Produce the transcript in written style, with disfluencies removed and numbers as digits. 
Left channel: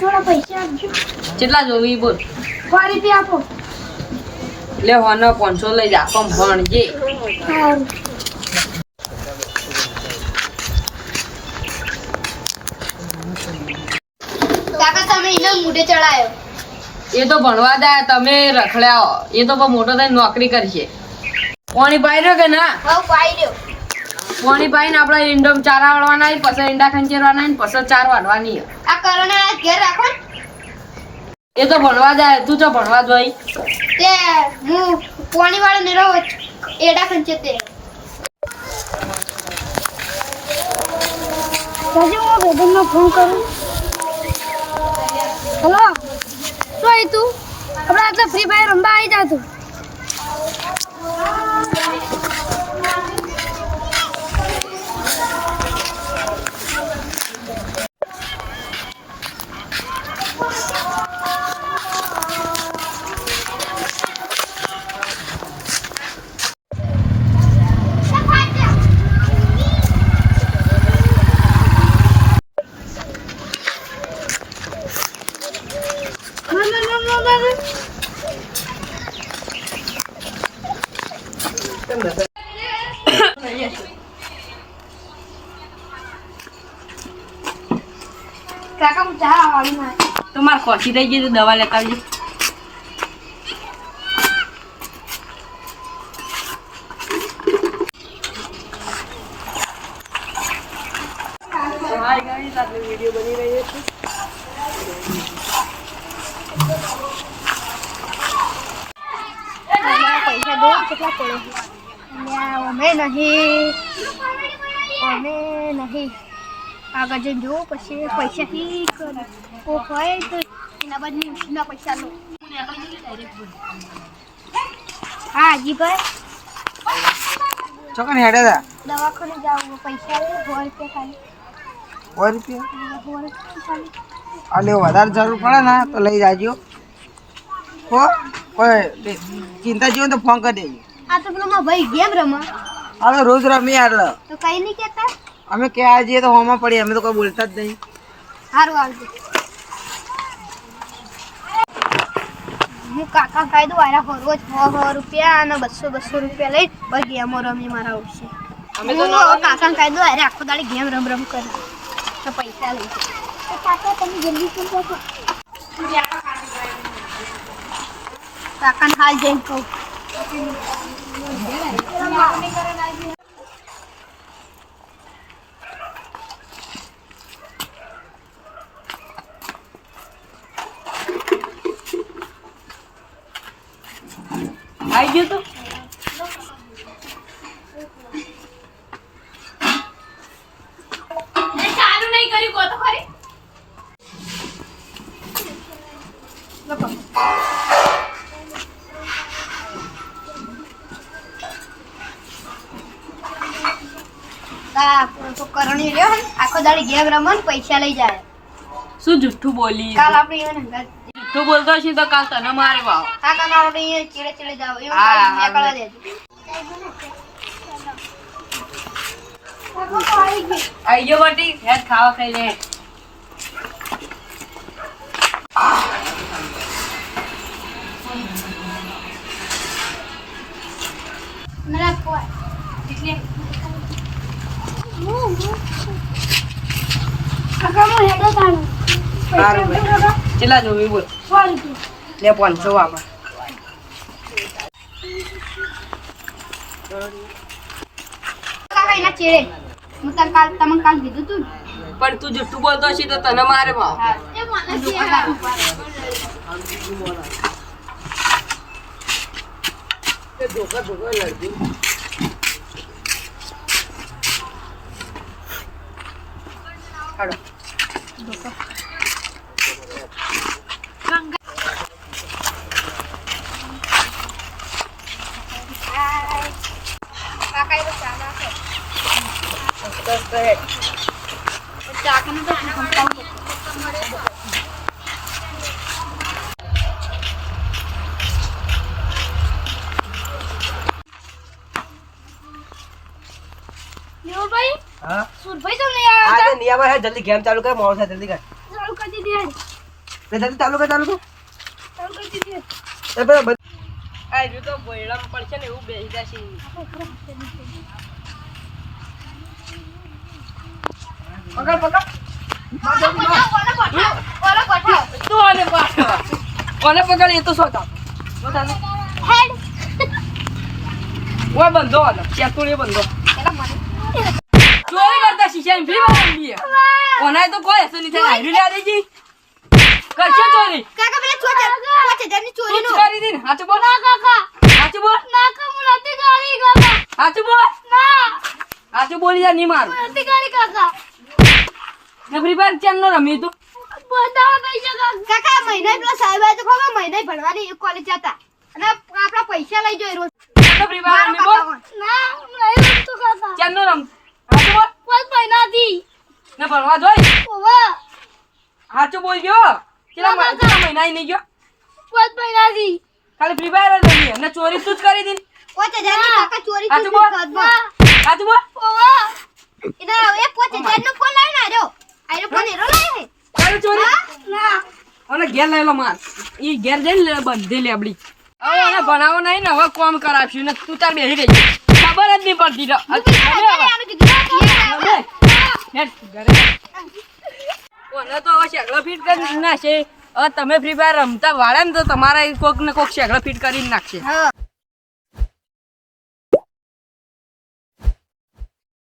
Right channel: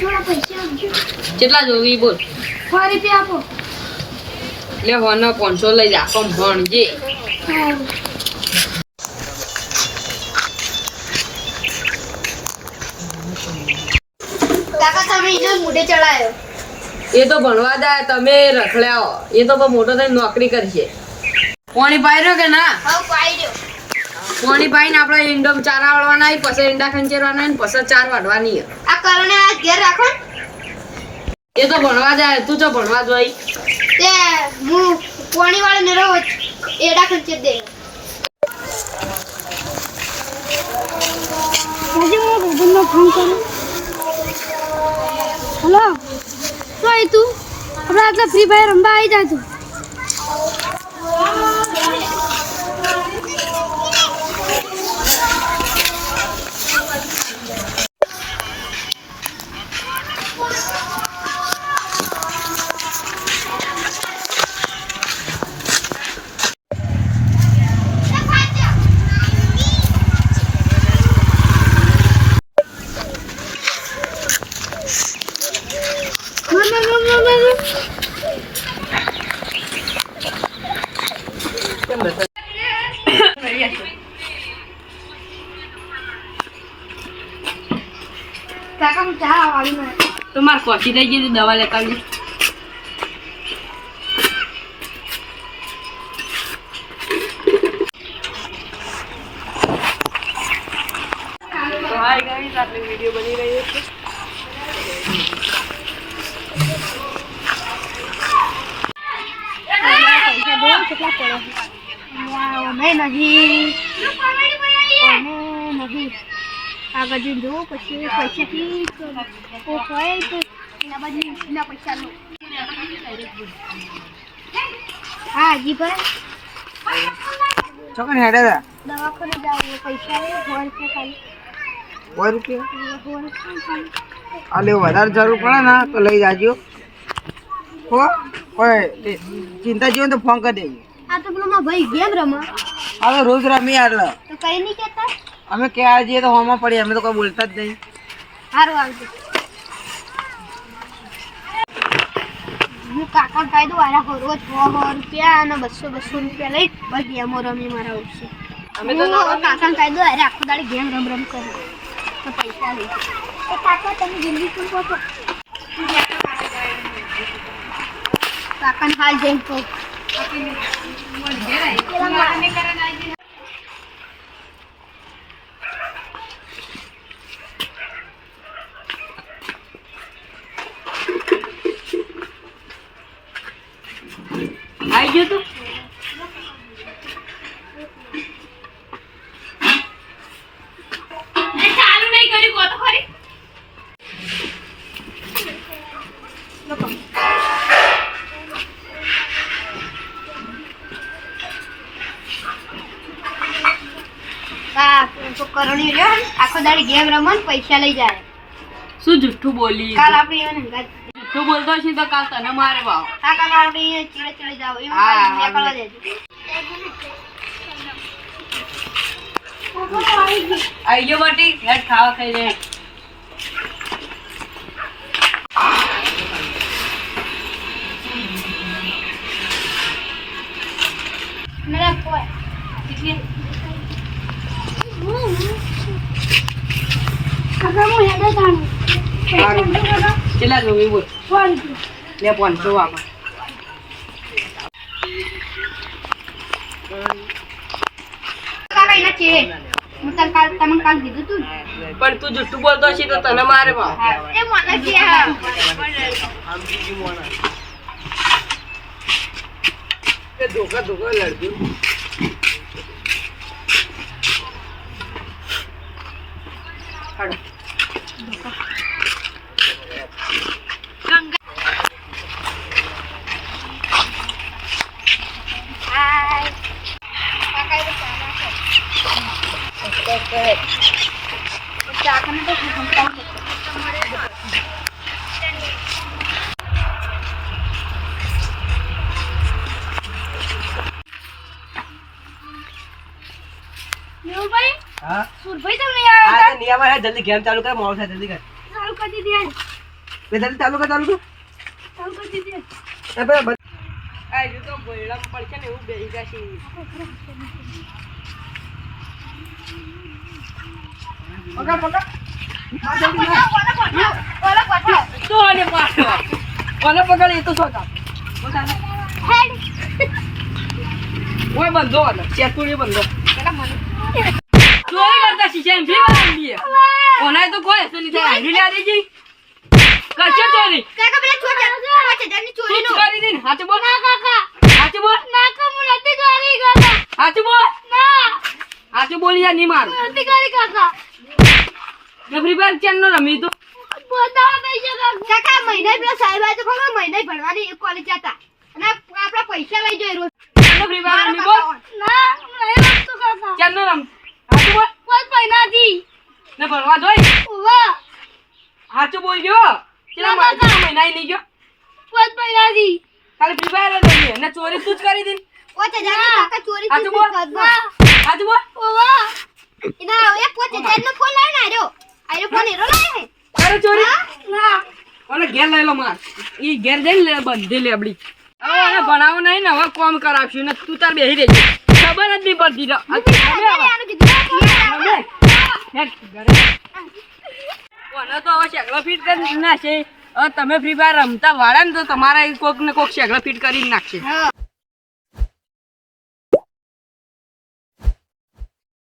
થોડા પૈસા આપજો. કેટલા જોવી બોલ? 100 રૂપિયા આપો. લે હોનો 500 લઈ જા કમ ભણજે. સારું. કાકા તમે એને મોઢે ચડાયો. એ તો ભણવા જાય તમે રખડ્યા એ તો મોટો થઈને નોકરી કરશે. પાણી પાઈ રહ્યો કે ના? હવે પાઈ રહ્યો. પાણી પાઈને આપણે ઈંડમ ચારા વાળવાના પછી ઈંડા ખંચેરવાના પછી ચાર વાળવાની. આ કરણે આ ઘેર રાખો ને. એ તો ભણવા જાય તું તો ભણવા જોઈ તે હું પાણી વાળી ને રહો એડા ખંચે દે. આજે હું બેબનનો ફોન કરું. હેલો તો એ તું આપણે આટલા ફ્રી ફાયર રમવા આવી જા તું. કાકા હું ચા વાળી માં તો મારે ખોસી થઈ ગઈ તો દવા લેતા આવજે. હાય ગાઈસ આપણે વિડિયો બની રહી છે. પૈસા દો કેટલા પડે અમે નહીં આગળ જઈને જોઉં પછી પૈસાથી કોક હોય તો એના બદલે ઉછીના પૈસા લો. હા હજીભાઈ ચોકન હેડે તા દવાખાને જાવ પૈસા લે 100 રૂપિયા ખાલી. 100 રૂપિયા આલે વધારે જરૂર પડે ને તો લઈ જાજો હો. કોઈ ચિંતા જેવું તો ફોન કરી દેજો. આ તો પેલો મારો ભાઈ ગેમ રમા હવે રોજ રમી આટલો તો કઈ નહીં કહેતા. અમે ક્યાં જઈએ તો હોમાં પડીએ અમે તો કોઈ બોલતા જ નહીં. સારું આવજો. હું કાકા કહી દઉં આરા રોજ 100 રૂપિયા અને 200 રૂપિયા લઈ બસ ગેમો રમી મારા આવશે. હું કાકા કહી દઉં અરે આખો દાડી ગેમ રમ કરે તો પૈસા લઈ કાકા તમે જલ્દી શું કહો કાકાને હાલ જઈને કહું. આવી ગયું તું ચાલુ નહીં કર્યું કો તો ખરી. કરણી રહ્યો ને આખો દાડી ગેમ રમન પૈસા લઈ જાય. શું જુઠ્ઠું બોલી? કાલ આપણે એને જુઠ્ઠું બોલતો હશે તો કાલ તને મારે વાવ. કાકા મારો ચીડે ચીડે જાવ એવું હા, નીકળવા દેજો. આવી ગયો બટી હેડ ખાવા ખાઈ લે. મેરા કોઈ કાકા હું હેડો તાણું. સારું ભાઈ. કેટલા જોવી બોલ? 100 રૂપિયા. લે 500 વાપર. કાકા એના ચીડે હું તને કાલ કીધું તું ને. પણ તું જુઠ્ઠું બોલતો હશે તો તને મારે વાવ. એ મને છે ધોકા લડતી હાડો. કાકા એ ચા નાખે. બસ કરે. ચાખાને તો સંપાવ કરતો. હા સુરભાઈ તમને આવ્યા આ નિયામા હે જલ્દી ગેમ ચાલુ કર મોડ થાય જલ્દી કર ચાલુ કરી દીધી. વેદાંત ચાલુ કર એ ભાઈ આ જો તો ગોયડા પડશે ને એવું બેસી જશે પકડ પકડ ઓલો કોઠો તો આને પાછો ઓને પકડ એ તો સોતા હેડ ઓય બંધો આને ચેતુરી બંધો પેલા મને ચોરી કરતા શીશા ફી વાળી ઓને તો કોઈ હશે નહીં થાય હારી લા દેજી કરશે ચોરી કાકા પેલા ચોરી ની ચોરી નો કરી દીન હાચું બોલ ના કાકા હાચું બોલ ના કા હું નથી ગાડી કાકા હાચું બોલ ના હાચું બોલી યાર નહીં માર નથી ગાડી કાકા ને ફ્રી ફાયર ચેન નો રમી તું બોધાવા પૈસા કાકા મહિને પેલા સાહેબ આજે ખબર મહિને ભણવાની કોલેજ જતા અને આપણા પૈસા લઈ જોઈ રોજ ફ્રી ફાયર રમી બોલ ના નહીં રમતો કાકા ચેન નો રમ હાચું બોલ કોઈ મહિનાથી ને ભણવા જોઈ ઓવા હાચું બોલજો ચલા મહિના નહીં ગયો કોઈ મહિનાથી ખાલી ફ્રી ફાયર જ રમી ને ચોરી તું જ કરી દીન 5000 ની કાકા ચોરી હાચું થી બોલ હાચું બોલ ઓવા ઇના એ 5000 નો ફોન લાવીને આર્યો ફોન એરો લાવે તારી ચોરી ના ઓને ઘેર લઈ લો માર ઈ ઘેર જઈને લે બંધી લે આપડી હવે આને ભણાવો નહીં ને હવે કોમ કરાવશું ને તું તાર બેહી રહેજે ખબર જ નહીં પડતી ઓને તો હવે શેકડો ફીટ કરી નાખશે હવે તમે ફ્રી ફાયર રમતા વાળા ને તો તમારા કોક ને કોક શેકડો ફીટ કરી નાખશે હા